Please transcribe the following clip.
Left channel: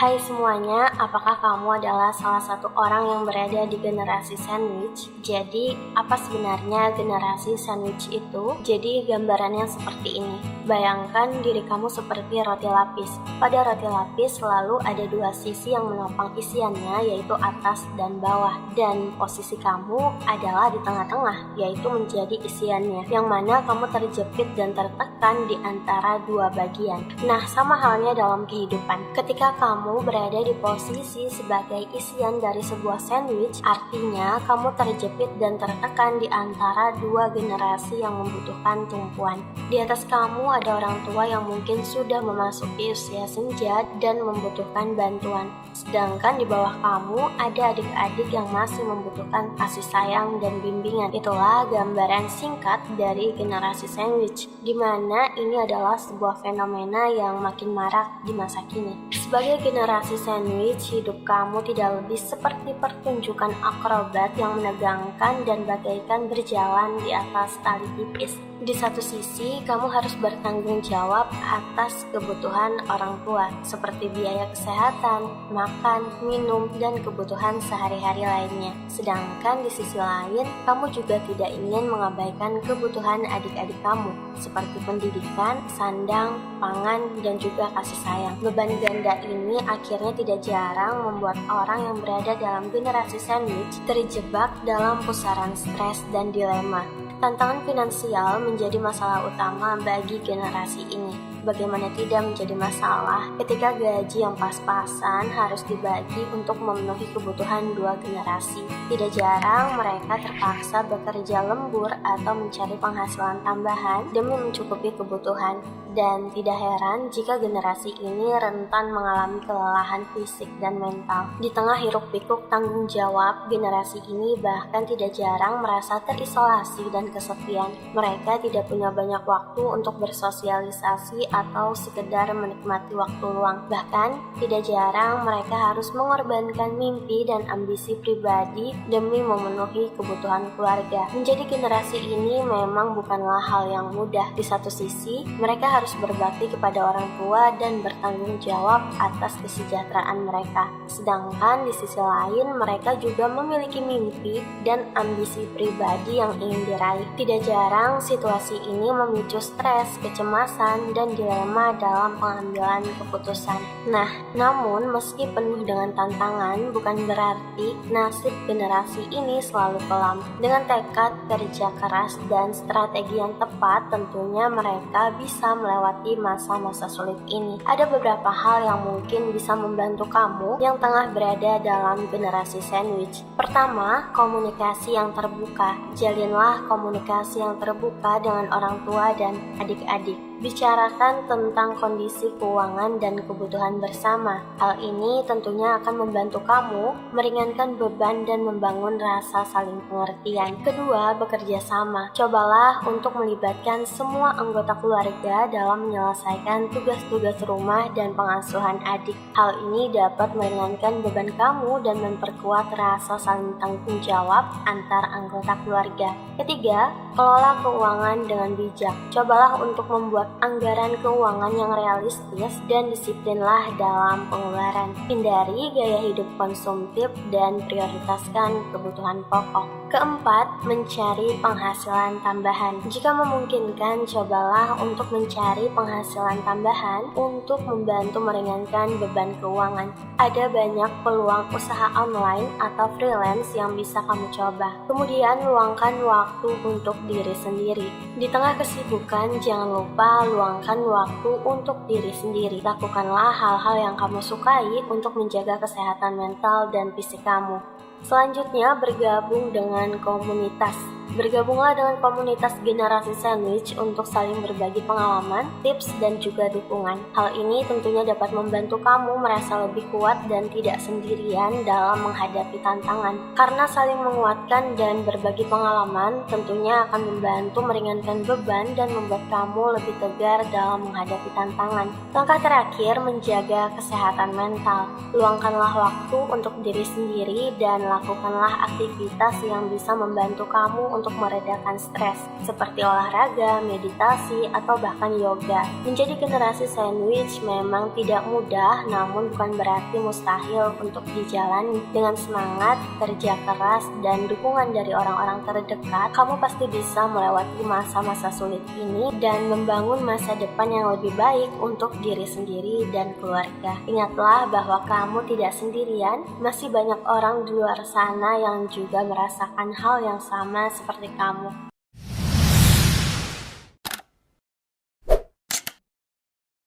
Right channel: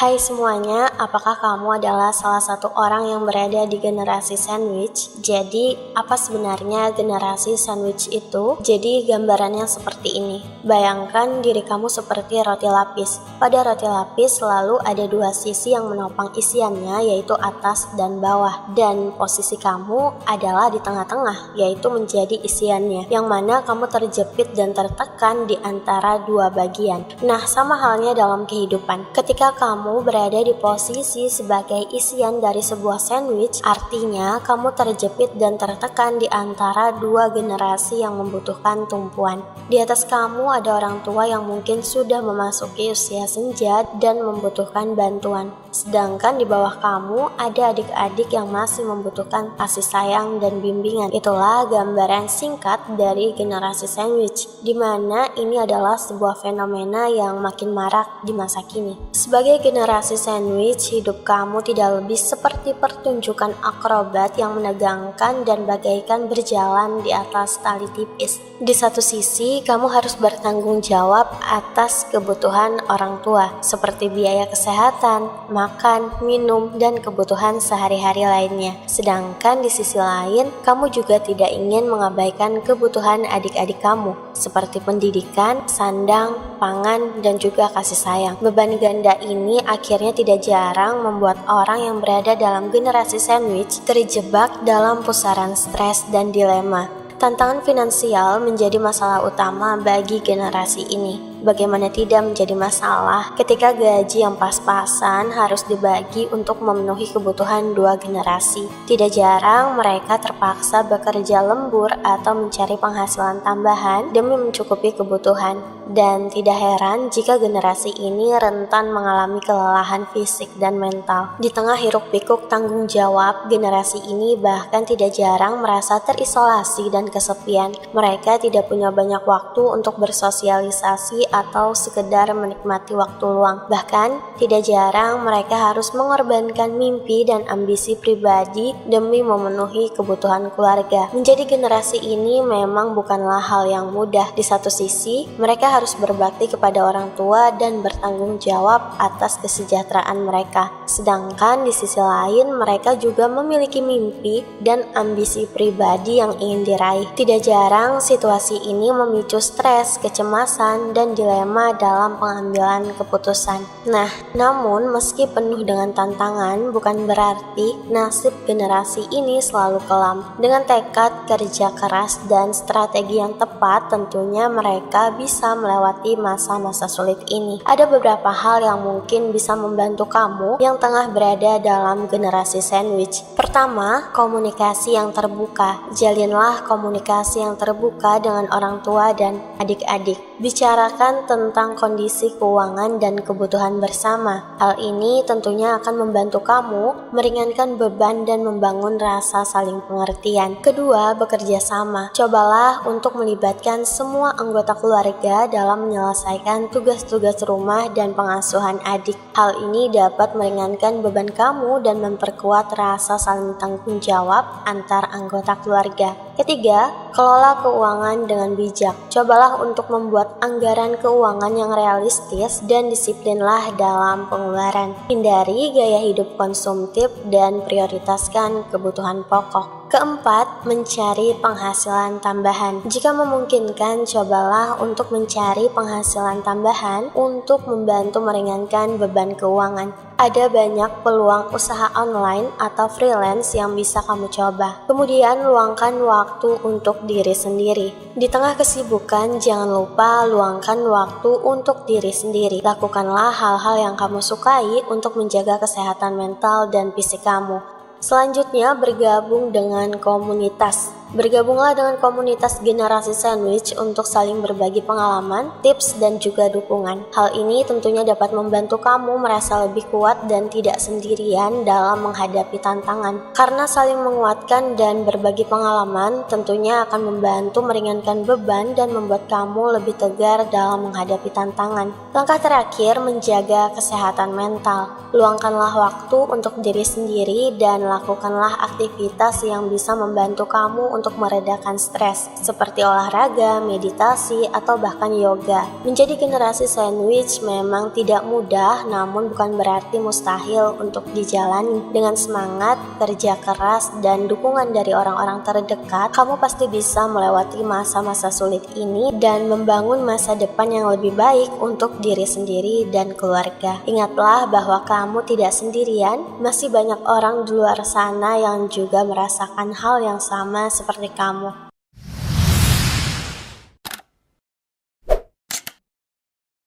Hai semuanya, apakah kamu adalah salah satu orang yang berada di generasi sandwich? Jadi, apa sebenarnya generasi sandwich itu? Jadi, gambarannya seperti ini. Bayangkan diri kamu seperti roti lapis. Pada roti lapis selalu ada dua sisi yang menopang isiannya, yaitu atas dan bawah. Dan posisi kamu adalah di tengah-tengah, yaitu menjadi isiannya, yang mana kamu terjepit dan tertekan di antara dua bagian. Nah, sama halnya dalam kehidupan. Ketika kamu berada di posisi sebagai isian dari sebuah sandwich, artinya kamu terjepit dan tertekan di antara dua generasi yang membutuhkan tumpuan. Di atas kamu ada orang tua yang mungkin sudah memasuki usia senja dan membutuhkan bantuan. Sedangkan di bawah kamu ada adik-adik yang masih membutuhkan kasih sayang dan bimbingan. Itulah gambaran singkat dari generasi sandwich, di mana ini adalah sebuah fenomena yang makin marak di masa kini. Sebagai generasi sandwich, hidup kamu tidak lebih seperti pertunjukan akrobat yang menegangkan dan bagaikan berjalan di atas tali tipis. Di satu sisi, kamu harus bertanggung jawab atas kebutuhan orang tua, seperti biaya kesehatan, makan, minum, dan kebutuhan sehari-hari lainnya. Sedangkan di sisi lain, kamu juga tidak ingin mengabaikan kebutuhan adik-adik kamu, seperti pendidikan, sandang, pangan, dan juga kasih sayang. Beban ganda ini akhirnya tidak jarang membuat orang yang berada dalam generasi sandwich terjebak dalam pusaran stres dan dilema. Tantangan finansial menjadi masalah utama bagi generasi ini. Bagaimana tidak menjadi masalah ketika gaji yang pas-pasan harus dibagi untuk memenuhi kebutuhan dua generasi. Tidak jarang mereka terpaksa bekerja lembur atau mencari penghasilan tambahan demi mencukupi kebutuhan. Dan tidak heran jika generasi ini rentan mengalami kelelahan fisik dan mental. Di tengah hiruk-pikuk tanggung jawab, generasi ini bahkan tidak jarang merasa terisolasi dan kesepian. Mereka tidak punya banyak waktu untuk bersosialisasi atau sekedar menikmati waktu luang. Bahkan, tidak jarang mereka harus mengorbankan mimpi dan ambisi pribadi demi memenuhi kebutuhan keluarga. Menjadi generasi ini memang bukanlah hal yang mudah. Di satu sisi, mereka harus berbakti kepada orang tua dan bertanggung jawab atas kesejahteraan mereka. Sedangkan di sisi lain, mereka juga memiliki mimpi dan ambisi pribadi yang ingin diraih. Tidak jarang situasi ini memicu stres, kecemasan, dan dilema dalam pengambilan keputusan. Nah, namun meski penuh dengan tantangan, bukan berarti nasib generasi ini selalu kelam. Dengan tekad, kerja keras, dan strategi yang tepat, tentunya mereka bisa melewati masa-masa sulit ini. Ada beberapa hal yang mungkin bisa membantu kamu yang tengah berada dalam generasi sandwich. Pertama, komunikasi yang terbuka. Jalinlah komunikasi yang terbuka dengan orang tua dan adik-adik. Bicarakan tentang kondisi keuangan dan kebutuhan bersama. Hal ini tentunya akan membantu kamu meringankan beban dan membangun rasa saling pengertian. Kedua, bekerja sama. Cobalah untuk melibatkan semua anggota keluarga dalam menyelesaikan tugas-tugas rumah dan pengasuhan adik. Hal ini dapat meringankan beban kamu dan memperkuat rasa saling tanggung jawab antar anggota keluarga. Ketiga, kelola keuangan dengan bijak. Cobalah untuk membuat anggaran keuangan yang realistis dan disiplinlah dalam pengeluaran. Hindari gaya hidup konsumtif dan prioritaskan kebutuhan pokok. Keempat, mencari penghasilan tambahan. Jika memungkinkan, cobalah untuk mencari penghasilan tambahan untuk membantu meringankan beban keuangan. Ada banyak peluang usaha online atau freelance yang bisa kamu coba. Kemudian, luangkan waktu untuk diri sendiri. Di tengah kesibukan, jangan lupa luangkan waktu untuk diri sendiri. Lakukanlah hal-hal yang kamu sukai untuk menjaga kesehatan mental dan fisik kamu. Selanjutnya, bergabung dengan komunitas. Bergabunglah dengan komunitas generasi sandwich untuk saling berbagi pengalaman, tips, dan juga dukungan. Hal ini tentunya dapat membantu kamu merasa lebih kuat dan tidak sendirian dalam menghadapi tantangan. Karena saling menguatkan dan berbagi pengalaman tentunya akan membantu meringankan beban dan membuat kamu lebih tegar dalam menghadapi tantangan. Langkah terakhir, menjaga kesehatan mental. Luangkanlah waktu untuk diri sendiri dan lakukanlah aktivitas yang bisa membantu kamu untuk meredakan stres, seperti olahraga, meditasi, atau bahkan yoga. Menjadi generasi sandwich memang tidak mudah, namun bukan berarti mustahil untuk dijalani. Dengan semangat, kerja keras, dan dukungan dari orang-orang terdekat, kamu pasti bisa melewati masa-masa sulit ini dan membangun masa depan yang lebih baik untuk diri sendiri dan keluarga. Ingatlah bahwa kamu tidak sendirian, masih banyak orang di luar sana yang juga merasakan hal yang sama seperti kamu.